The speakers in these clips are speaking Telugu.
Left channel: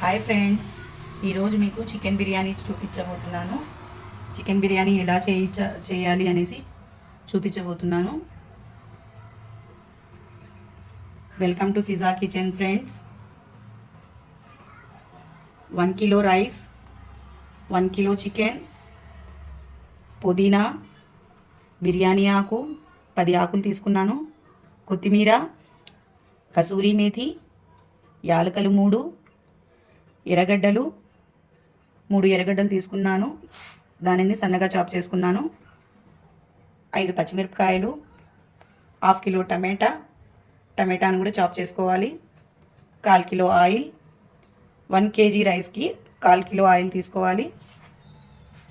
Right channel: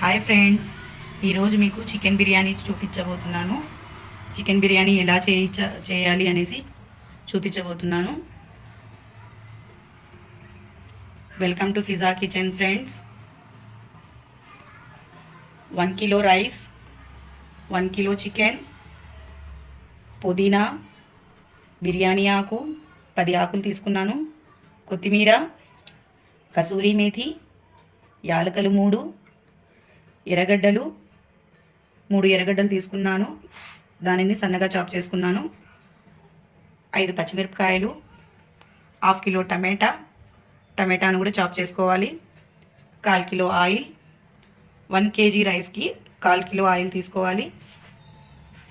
హాయ్ ఫ్రెండ్స్, ఈరోజు మీకు చికెన్ బిర్యానీ చూపించబోతున్నాను. చికెన్ బిర్యానీ ఎలా చేయాలి అనేసి చూపించబోతున్నాను. Welcome to Fiza kitchen friends. 1 kilo rice, 1 kilo chicken, పుదీనా, బిర్యానీ ఆకు 10 ఆకులు తీసుకున్నాను, కొత్తిమీర, కసూరి మేథి, యాలకలు 3, ఎర్రగడ్డలు 3 ఎర్రగడ్డలు తీసుకున్నాను, దానిని సన్నగా చాప్ చేసుకున్నాను, 5 పచ్చిమిరపకాయలు, 1/2 కిలో టమాటాను కూడా చాప్ చేసుకోవాలి, 1/4 కిలో ఆయిల్, 1 కేజీ రైస్కి 1/4 కిలో ఆయిల్ తీసుకోవాలి,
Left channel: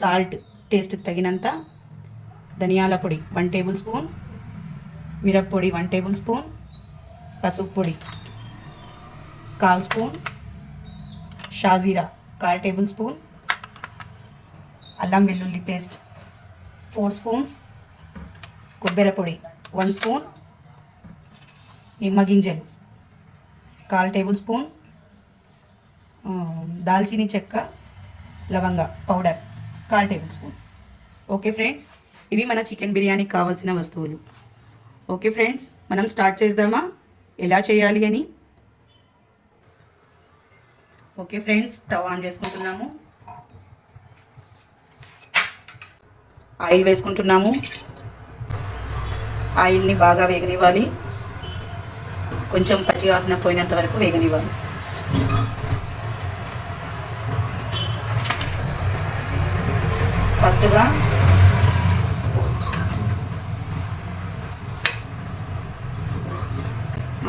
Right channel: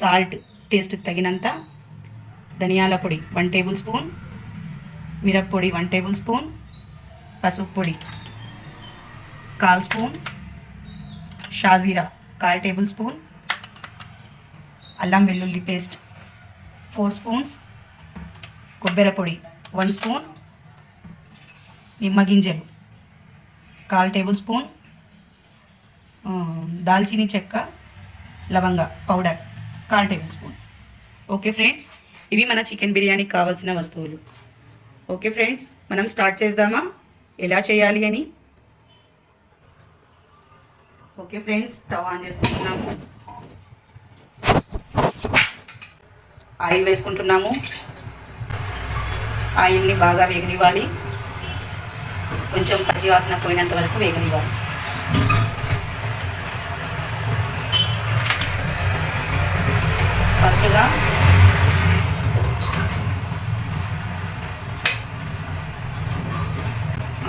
సాల్ట్ టేస్ట్కి తగినంత, ధనియాల పొడి 1 టేబుల్ స్పూన్, మిరప్పొడి 1 టేబుల్ స్పూన్, పసుపు పొడి 1/4 స్పూన్, షాజీరా 1/4 టేబుల్ స్పూన్, అల్లం వెల్లుల్లి పేస్ట్ 4 స్పూన్స్, కొబ్బరి పొడి 1 స్పూన్, నిమ్మ గింజలు 1/4 టేబుల్ స్పూన్, దాల్చిని చెక్క లవంగ powder 1/4 table spoon. Okay friends, ఇవి మన చికెన్ బిర్యానీకి కావాల్సిన వస్తువులు. ఓకే ఫ్రెండ్స్, మనం స్టార్ట్ చేద్దామా ఎలా చేయాలి అని. ఓకే ఫ్రెండ్స్, స్టవ్ ఆన్ చేసుకుంటున్నాము, ఆయిల్ వేసుకుంటున్నాము. ఆయిల్ని బాగా వేగనివ్వాలి, కొంచెం పచ్చి వాసన పోయినంత వరకు వేగనివ్వాలి. ఫస్ట్గా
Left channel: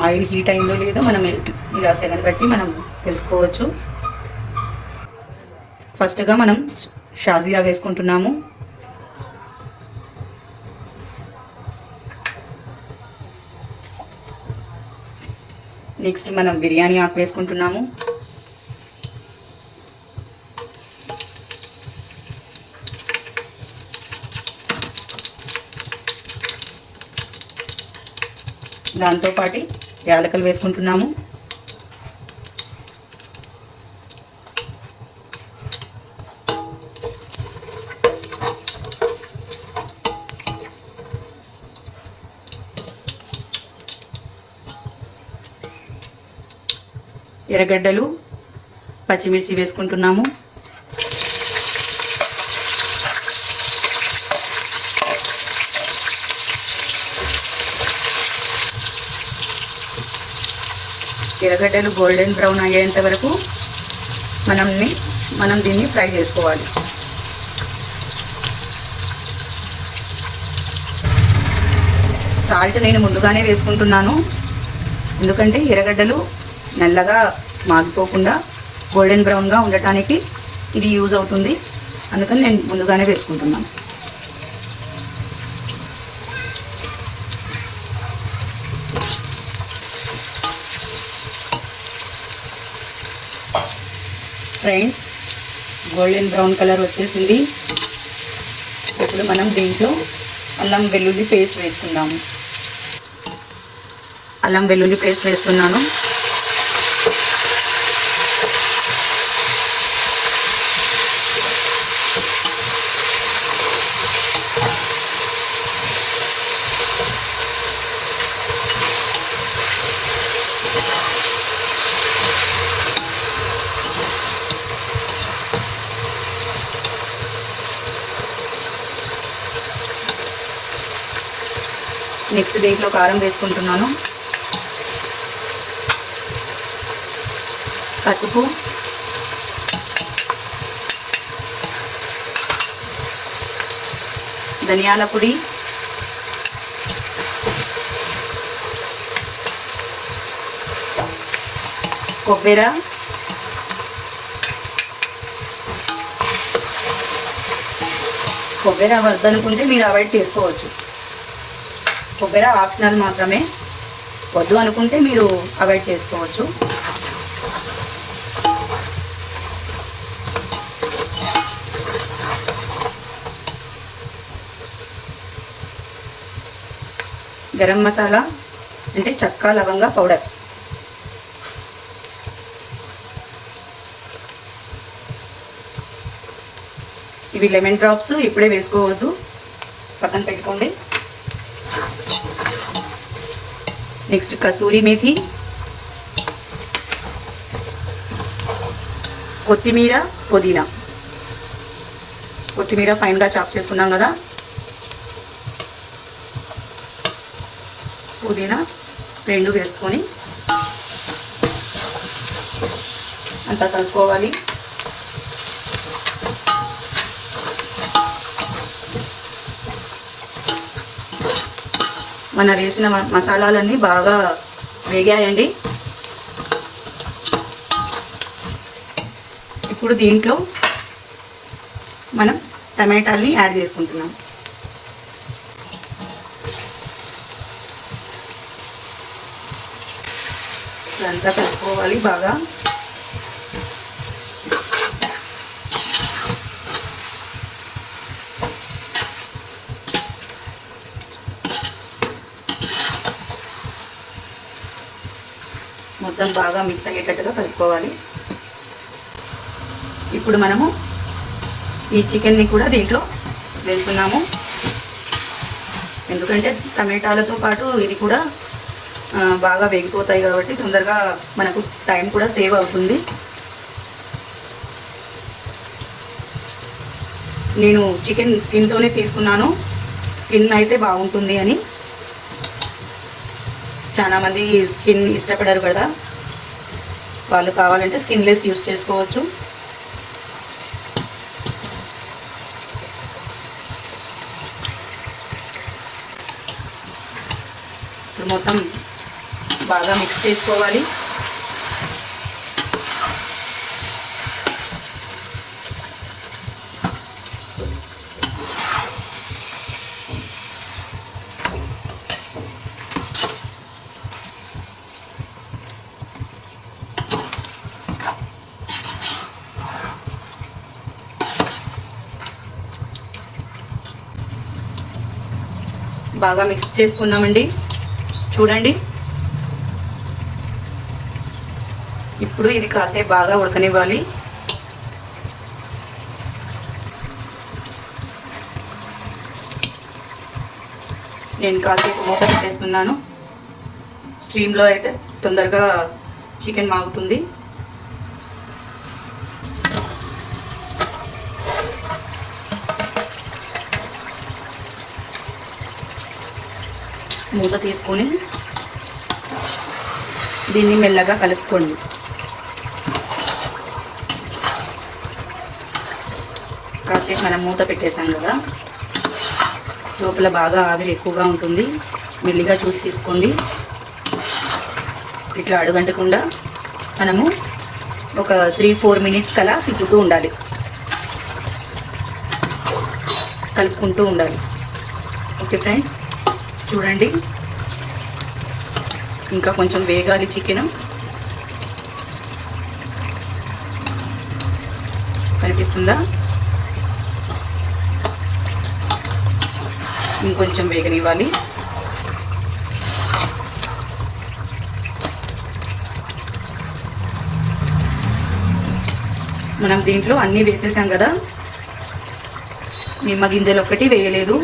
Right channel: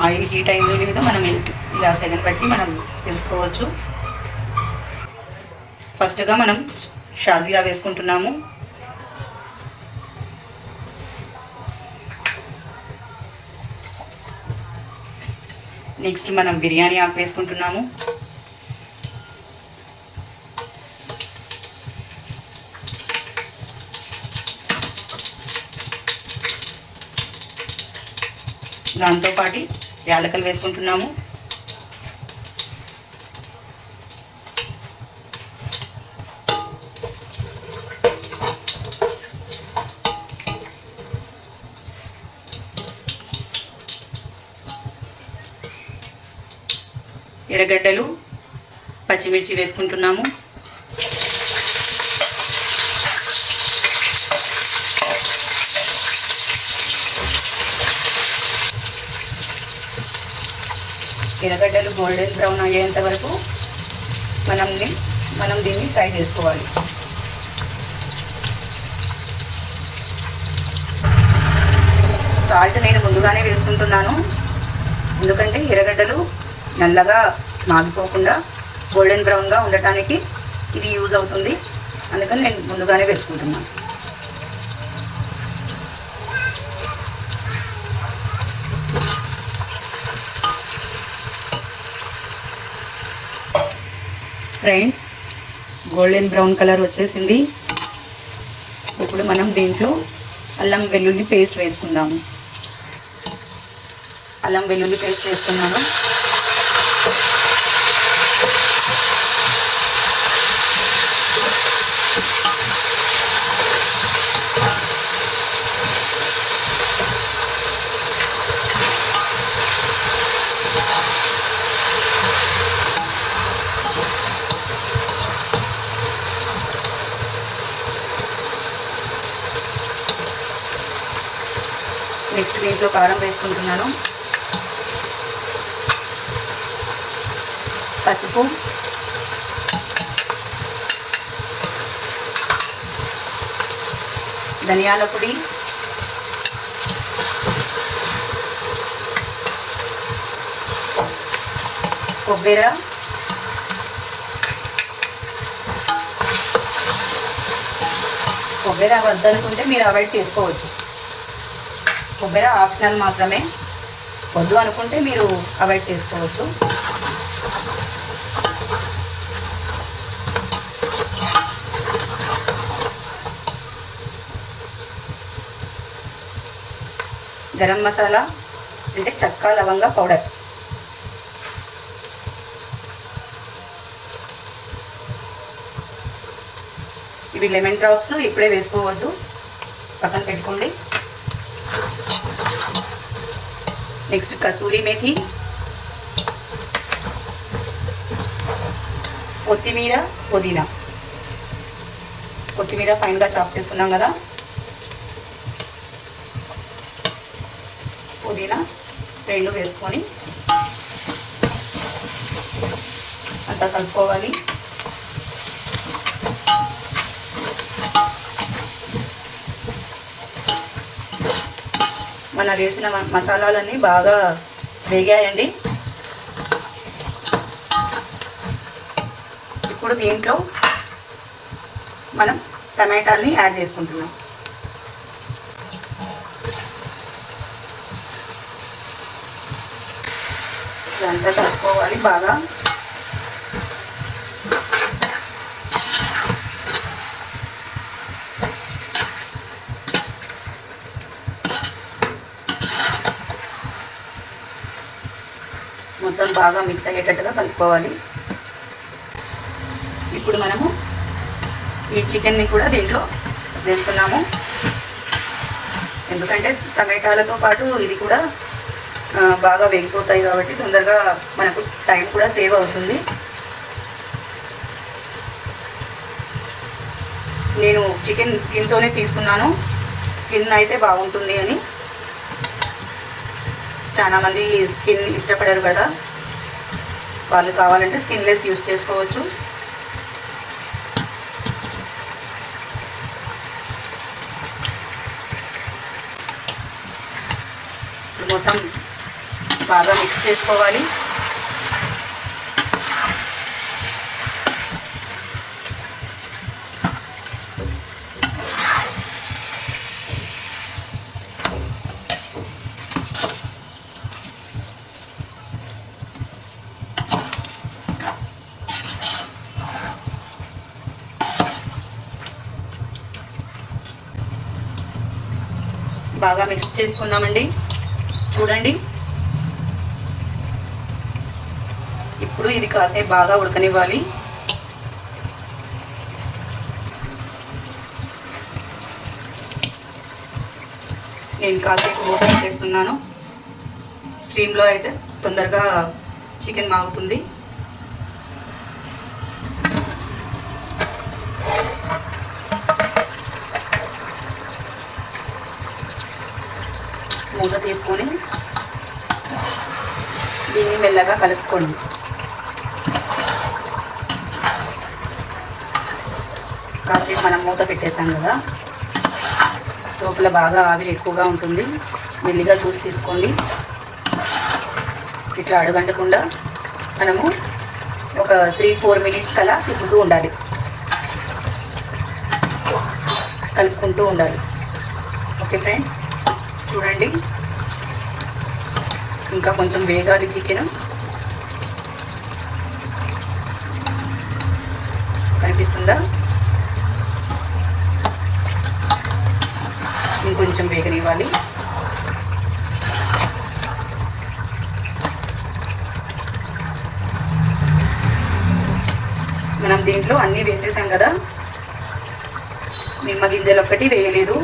ఆయిల్ హీట్ అయిందో లేదో మనం ఇలా సెగన్ బట్టి మనం తెలుసుకోవచ్చు. ఫస్ట్గా మనం షాజీరా వేసుకుంటున్నాము. నెక్స్ట్ మనం బిర్యానీ ఆకు వేసుకుంటున్నాము. దాంతోపాటు యాలకలు వేసుకుంటున్నాము. ఎర్రగడ్డలు, పచ్చిమిర్చి వేసుకుంటున్నాము. ఎర్రగడ్డలు గోల్డెన్ బ్రౌన్ అయ్యేంత వరకు మనం దీన్ని ఫ్రై చేసుకోవాలి. సాల్ట్ నేను ముందుగానే వేసుకుంటున్నాను, ఎందుకంటే ఎర్రగడ్డలు నల్లగా మాగిపోకుండా గోల్డెన్ బ్రౌన్గా ఉండటానికి ఇది యూజ్ అవుతుంది. అందుకని నేను ముందుగానే వేసుకుంటున్నాను. ఫ్రెండ్స్, గోల్డెన్ బ్రౌన్ కలర్ వచ్చేసింది. ఇప్పుడు మనం దీంట్లో అల్లం వెల్లుల్లి పేస్ట్ వేసుకుందాము. అల్లం వెల్లుల్లి పేస్ట్ వేస్తున్నాను. నెక్స్ట్ దీంట్లో కారం వేసుకుంటున్నాను, పసుపు, ధనియాల పొడి, కొబ్బరి, వద్దనుకుంటే మీరు అవాయిడ్ చేసుకోవచ్చు. కొబ్బరి ఆప్షనల్ మాత్రమే, వద్దు అనుకుంటే మీరు అవాయిడ్ చేసుకోవచ్చు. గరం మసాలా అంటే చెక్క లవంగ పౌడర్, ఇవి లెమన్ డ్రాప్స్ ఇప్పుడే వేసుకోవద్దు, పక్కన పెట్టుకోండి. నెక్స్ట్ కసూరి మేథి, కొత్తిమీర, పుదీనా. కొత్తిమీర ఫైన్గా చాప్ చేసుకున్నాం కదా, పుదీనా రెండు వేసుకొని అంతా కలుపుకోవాలి. మన వేసిన మసాలాలన్నీ బాగా వేగాయండి. ఇప్పుడు దీంట్లో మనం టమాటాలని యాడ్ చేసుకుంటున్నాం. ఇదంతా కలుపుకోవాలి బాగా. మొత్తం బాగా మిక్స్ అయ్యేటట్టుగా కలుపుకోవాలి. ఇప్పుడు మనము ఈ చికెన్ని కూడా దీంట్లో వేస్తున్నాము, ఎందుకంటే టమాటాలతో పాటు ఇది కూడా బాగా వేగిపోతాయి కాబట్టి తొందరగా మనకు టైం కూడా సేవ్ అవుతుంది. నేను చికెన్ స్కిన్తోనే తీసుకున్నాను, స్కిన్ అయితే బాగుంటుంది అని. చాలామంది స్కిన్ ఇష్టపడరు కదా, వాళ్ళు కావాలంటే స్కిన్లెస్ యూస్ చేసుకోవచ్చు. మొత్తం బాగా మిక్స్ చేసుకోవాలి. బాగా మిక్స్ చేసుకున్నామండి, చూడండి. ఇప్పుడు ఇది కాసేపు బాగా ఉడకనివ్వాలి. నేను కాసేపు మూత పెట్టేస్తున్నాను. స్టీమ్లో అయితే తొందరగా చికెన్ మాగుతుంది. మూత తీసుకొని దీన్ని మెల్లగా కలుపుకోండి. కాసేపు మనం మూత పెట్టేసాం కదా, లోపల బాగా ఆవిరి ఎక్కువగా ఉంటుంది. మెల్లిగా చూసి తీసుకోండి. ఇట్లా అడుగంటకుండా మనము ఒక 3-4 మినిట్స్ కలా తిప్పుతూ ఉండాలి, కలుపుకుంటూ ఉండాలి. ఓకే ఫ్రెండ్స్, చూడండి ఇంకా కొంచెం వేగాలి చికెన్. కనిపిస్తుందా? ఇంకొంచెం వేగనివ్వాలి. మనం దీంట్లో అన్నీ వేసేసాం కదా, నిమ్మగింజలు ఒక్కటి వేయలేదు.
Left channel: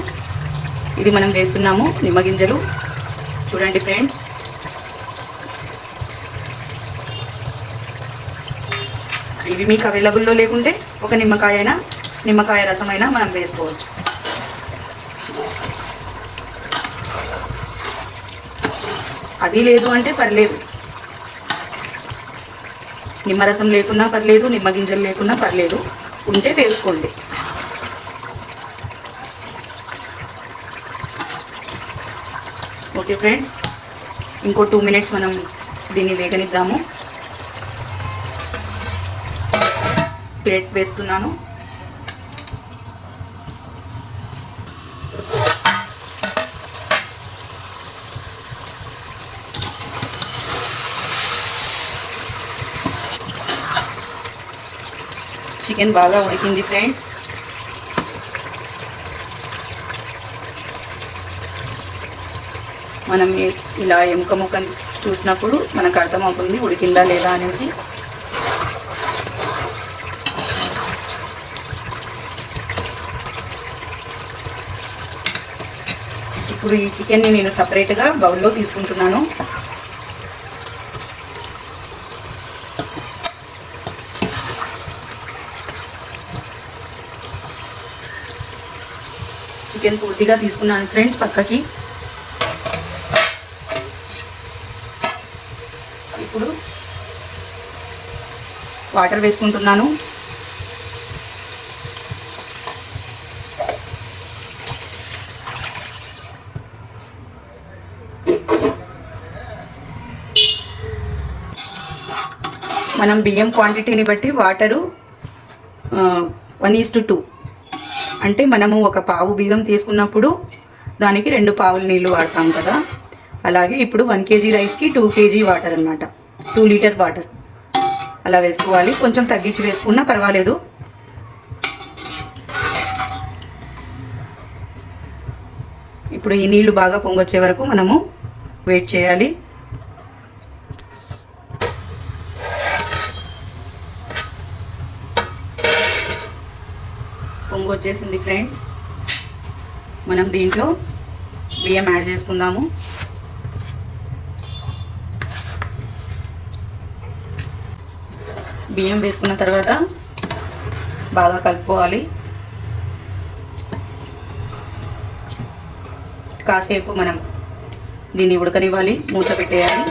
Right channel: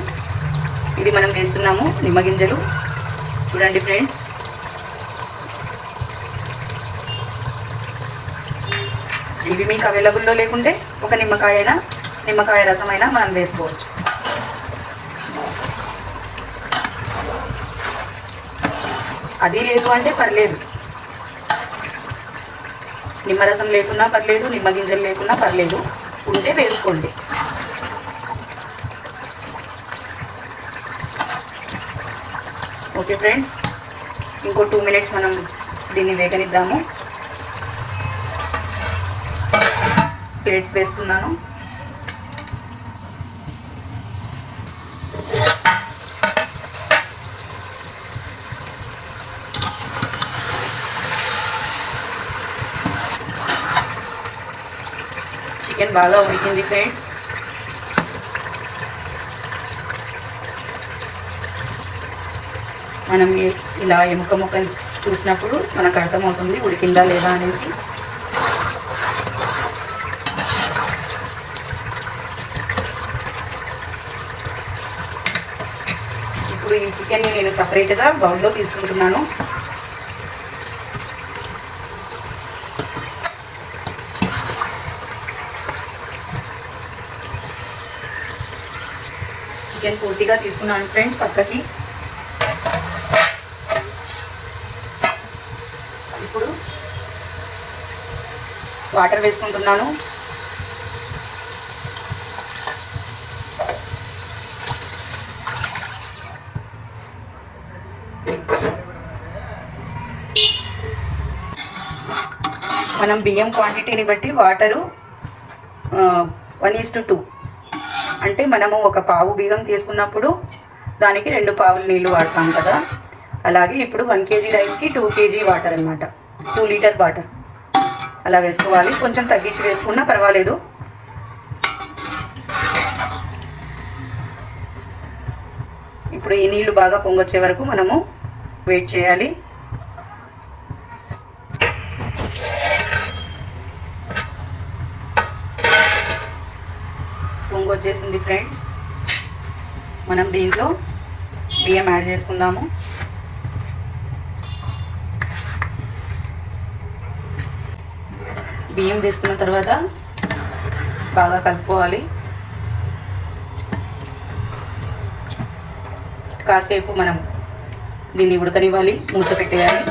ఇది మనం వేస్తున్నాము నిమ్మగింజలు. చూడండి ఫ్రెండ్స్, ఇవి మీకు అవైలబుల్లో లేకుంటే ఒక నిమ్మకాయ రసం అయినా మనం వేసుకోవచ్చు. అది లేదు అంటే పర్లేదు, నిమ్మరసం లేకున్నా పర్లేదు, నిమ్మగింజలు లేకున్నా పర్లేదు, ఉంటే వేసుకోండి. ఓకే ఫ్రెండ్స్, ఇంకో 2 మినిట్స్ మనం దీన్ని వేగనిద్దాము. ప్లేట్ వేస్తున్నాను. చికెన్ బాగా ఉడికింది ఫ్రెండ్స్. మనం ఇలా ఎముక ముక్కని చూసినప్పుడు మనకు అర్థమవుతుంది ఉడికిందా లేదా అనేసి. ఇప్పుడు ఈ చికెన్ని నేను సపరేట్గా బౌల్లో తీసుకుంటున్నాను. చికెన్ పూర్తిగా తీసుకున్నాను ఫ్రెండ్స్ పక్కకి. ఇప్పుడు వాటర్ వేసుకుంటున్నాను. మనం బియ్యం క్వాంటిటీని బట్టి వాటరు 1:2, అంటే మనము ఒక పావు బియ్యం తీసుకున్నప్పుడు దానికి 2 పావులు నీళ్ళు వాడతాం కదా. అలాగే ఇప్పుడు 1 kg రైస్కి 2 kg వాటర్ అనమాట, 2 లీటర్ వాటర్ అలా వేసుకోవాలి. కొంచెం తగ్గించి వేసుకున్నా పర్వాలేదు. ఇప్పుడు ఈ నీళ్లు బాగా పొంగొచ్చే వరకు మనము వెయిట్ చేయాలి. పొంగొచ్చేసింది ఫ్రెండ్స్. మనం దీంట్లో బియ్యం యాడ్ చేసుకుందాము. బియ్యం వేసుకున్న తర్వాత బాగా కలుపుకోవాలి. కాసేపు మనం దీన్ని ఉడకనివ్వాలి, మూత పెట్టేయాలి.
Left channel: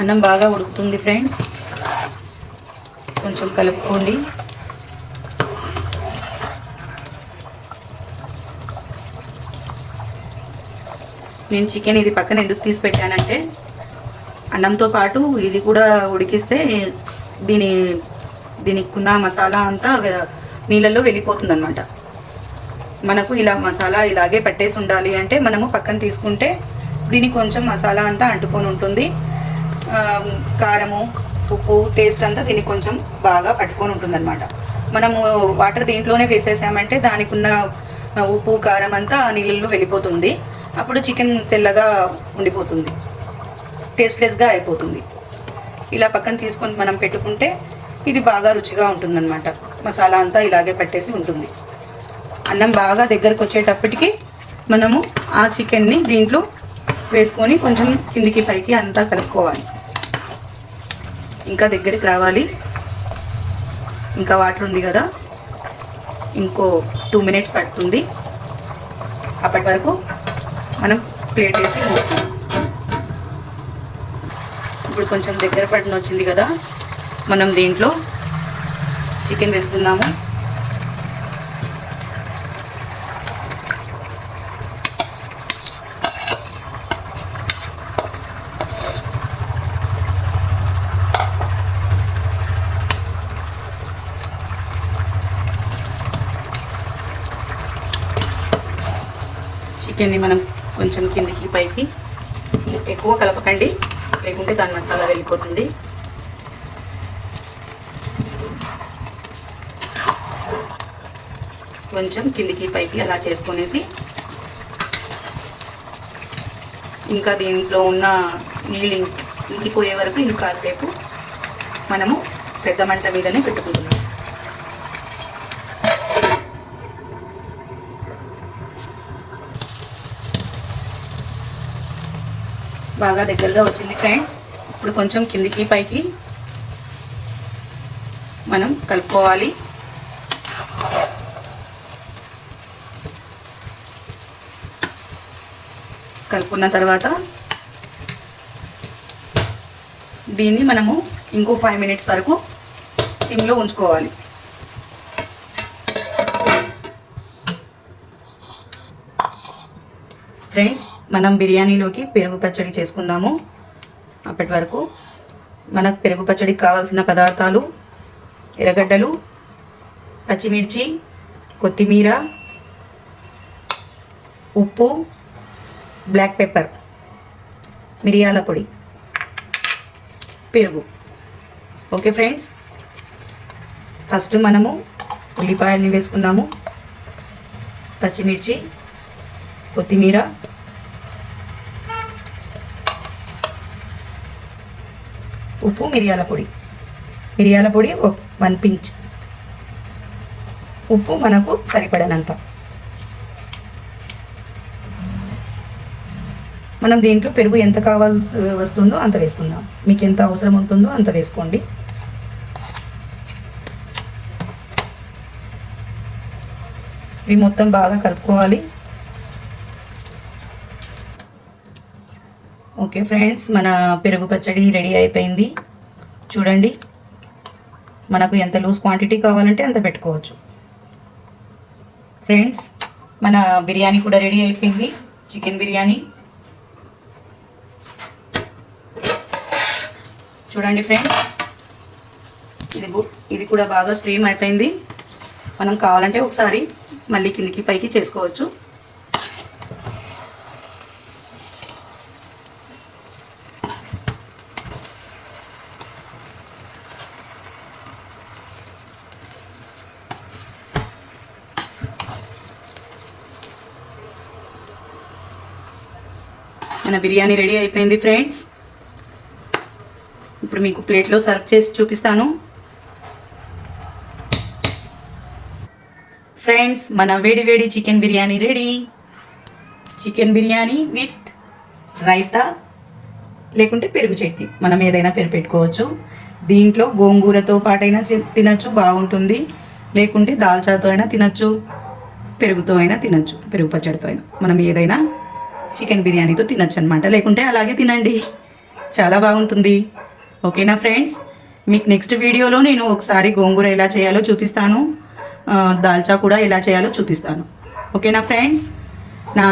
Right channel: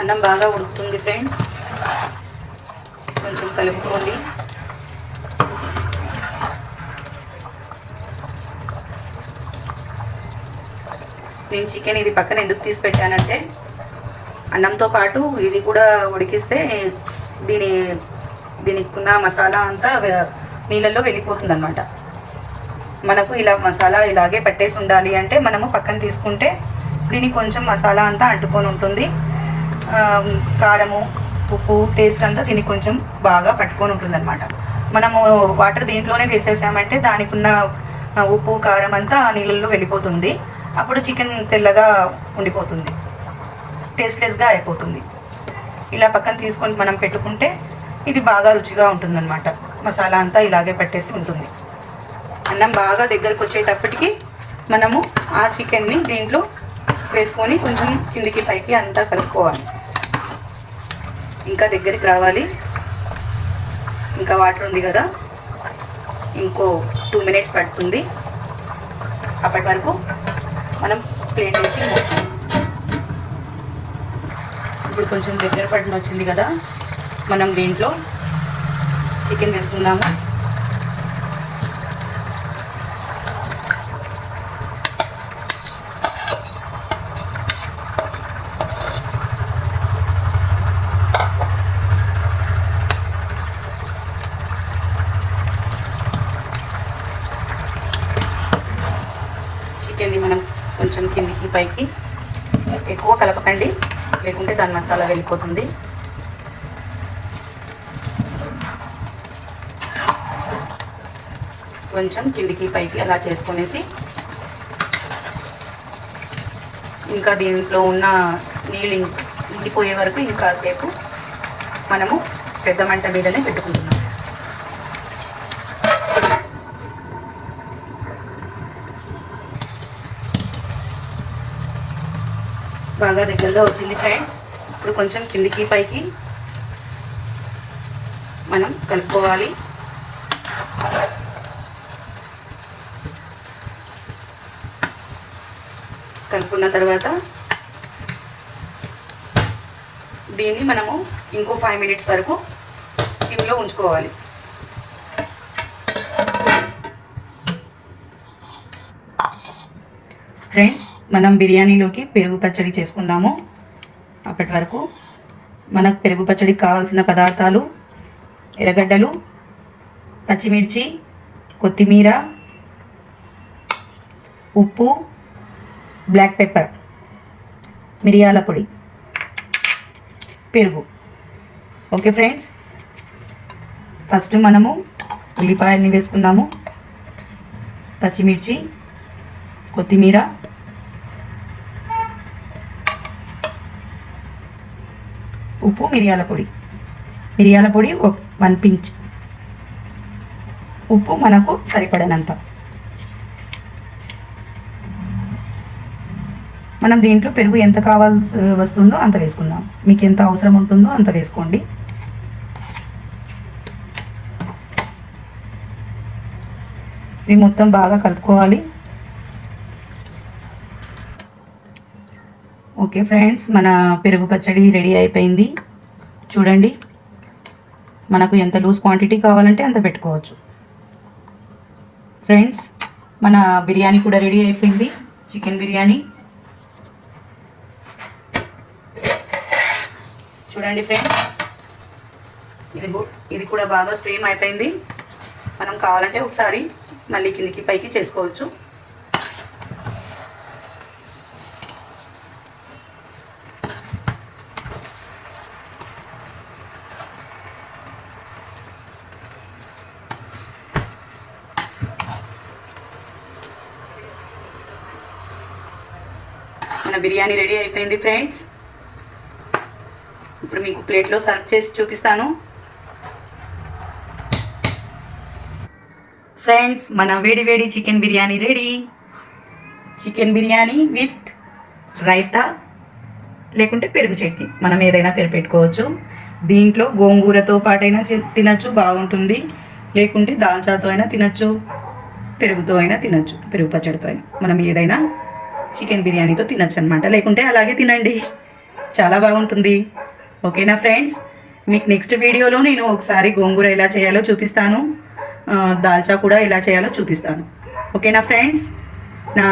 అన్నం బాగా ఉడుకుతుంది ఫ్రెండ్స్, కొంచెం కలుపుకోండి. నేను చికెన్ ఇది పక్కన ఎందుకు తీసి పెట్టానంటే అన్నంతో పాటు ఇది కూడా ఉడికిస్తే దీనికి ఉన్న మసాలా అంతా నీళ్ళల్లో వెళ్ళిపోతుంది అన్నమాట. మనకు ఇలా మసాలా ఇలాగే పట్టేసి ఉండాలి అంటే మనము పక్కన తీసుకుంటే దీనికి కొంచెం మసాలా అంతా అంటుకొని ఉంటుంది. కారము, ఉప్పు, టేస్ట్ అంతా దీనికి కొంచెం బాగా పట్టుకొని ఉంటుంది అనమాట. మనము వాటర్ దీంట్లోనే వేసేసామంటే దానికి ఉన్న ఉప్పు కారం అంతా నీళ్ళల్లో వెళ్ళిపోతుంది. అప్పుడు చికెన్ తెల్లగా ఉండిపోతుంది, టేస్ట్లెస్గా అయిపోతుంది. ఇలా పక్కన తీసుకొని మనం పెట్టుకుంటే ఇది బాగా రుచిగా ఉంటుందన్నమాట. మసాలా అంతా ఇలాగే పట్టేసి ఉంటుంది. అన్నం బాగా దగ్గరకు వచ్చేటప్పటికి మనము ఆ చికెన్ని దీంట్లో వేసుకొని కొంచెం కిందికి పైకి అంతా కలుపుకోవాలి. ఇంకా దగ్గరికి రావాలి. ఇంకా వాటర్ ఉంది కదా, ఇంకో 2 minutes పడుతుంది. అప్పటి వరకు మనం ప్లేట్ వేసి ఇప్పుడు కొంచెం దగ్గర పడిన వచ్చింది కదా, మనం దీంట్లో చికెన్ వేసుకుందాము. చికెన్ని మనం కొంచెం కిందికి పైకి, ఎక్కువ కలపకండి లేకుంటే దాని మసాలా వెళ్ళిపోతుంది. కొంచెం కిందికి పైకి అలా చేసుకునేసి ఇంకా దీంట్లో ఉన్న నీళ్ళు ఇంకిపోయే వరకు ఇంకాసేపు మనము పెద్ద మంట మీదనే పెట్టుకుంటున్నాం. బాగా దగ్గరగా వచ్చింది ఫ్రెండ్స్. ఇప్పుడు కొంచెం కిందికి పైకి మనం కలుపుకోవాలి. కలుపుకున్న తర్వాత దీన్ని మనము ఇంకో 5 minutes వరకు సిమ్లో ఉంచుకోవాలి. ఫ్రెండ్స్, మనం బిర్యానీలోకి పెరుగు పచ్చడి చేసుకుందాము. అప్పటి వరకు మనకు పెరుగు పచ్చడికి కావాల్సిన పదార్థాలు: ఎర్రగడ్డలు, పచ్చిమిర్చి, కొత్తిమీర, ఉప్పు, బ్లాక్ పెప్పర్, మిరియాల పొడి, పెరుగు. ఓకే ఫ్రెండ్స్, ఫస్ట్ మనము ఉల్లిపాయల్ని వేసుకుందాము, పచ్చిమిర్చి, కొత్తిమీర, ఉప్పు, మిరియాల పొడి 1 పించ్, ఉప్పు మనకు సరిపడనంత. మనం దీంట్లో పెరుగు ఎంత కావాల్సి వస్తుందో అంత వేసుకుందాం. మీకు ఎంత అవసరం ఉంటుందో అంత వేసుకోండి. ఇవి మొత్తం బాగా కలుపుకోవాలి. ఓకే ఫ్రెండ్స్, మన పెరుగు పచ్చడి రెడీ అయిపోయింది. చూడండి, మనకు ఎంత లూజ్ క్వాంటిటీ కావాలంటే అంత పెట్టుకోవచ్చు. ఫ్రెండ్స్, మన బిర్యానీ కూడా రెడీ అయిపోయింది, చికెన్ బిర్యానీ. చూడండి ఫ్రెండ్స్, ఇది కూడా బాగా స్ట్రీమ్ అయిపోయింది. మనం కావాలంటే ఒకసారి మళ్ళీ కిందికి పైకి చేసుకోవచ్చు. మన బిర్యానీ రెడీ అయిపోయింది ఫ్రెండ్స్. ఇప్పుడు మీకు ప్లేట్లో సర్వ్ చేసి చూపిస్తాను. ఫ్రెండ్స్, మన వేడి chicken biryani ready. Chicken biryani with raita లేకుంటే పెరుగు చట్నీ, మనం ఏదైనా పెట్టుకోవచ్చు. దీంట్లో గోంగూరతో పాటైనా తినచ్చు, బాగుంటుంది. లేకుంటే దాల్చాతో అయినా తినచ్చు, పెరుగుతో అయినా తినచ్చు, పెరుగు పచ్చడితో అయినా. మనం ఏదైనా చికెన్ బిర్యానీతో తినచ్చు అనమాట. లేకుంటే అలాగే తినండి, చాలా బాగుంటుంది. ఓకేనా ఫ్రెండ్స్, మీకు నెక్స్ట్ వీడియోలో నేను ఒకసారి గోంగూర ఎలా చేయాలో చూపిస్తాను, దాల్చా కూడా ఎలా చేయాలో చూపిస్తాను. ఓకేనా ఫ్రెండ్స్, నా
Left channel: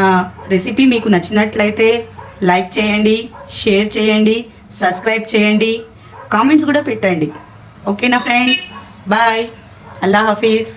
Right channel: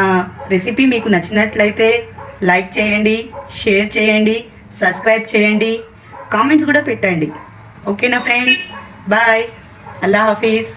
రెసిపీ మీకు నచ్చినట్లయితే లైక్ చేయండి, షేర్ చేయండి, సబ్స్క్రైబ్ చేయండి, కామెంట్స్ కూడా పెట్టండి. ఓకేనా ఫ్రెండ్స్, బాయ్, అల్లా హాఫీజ్.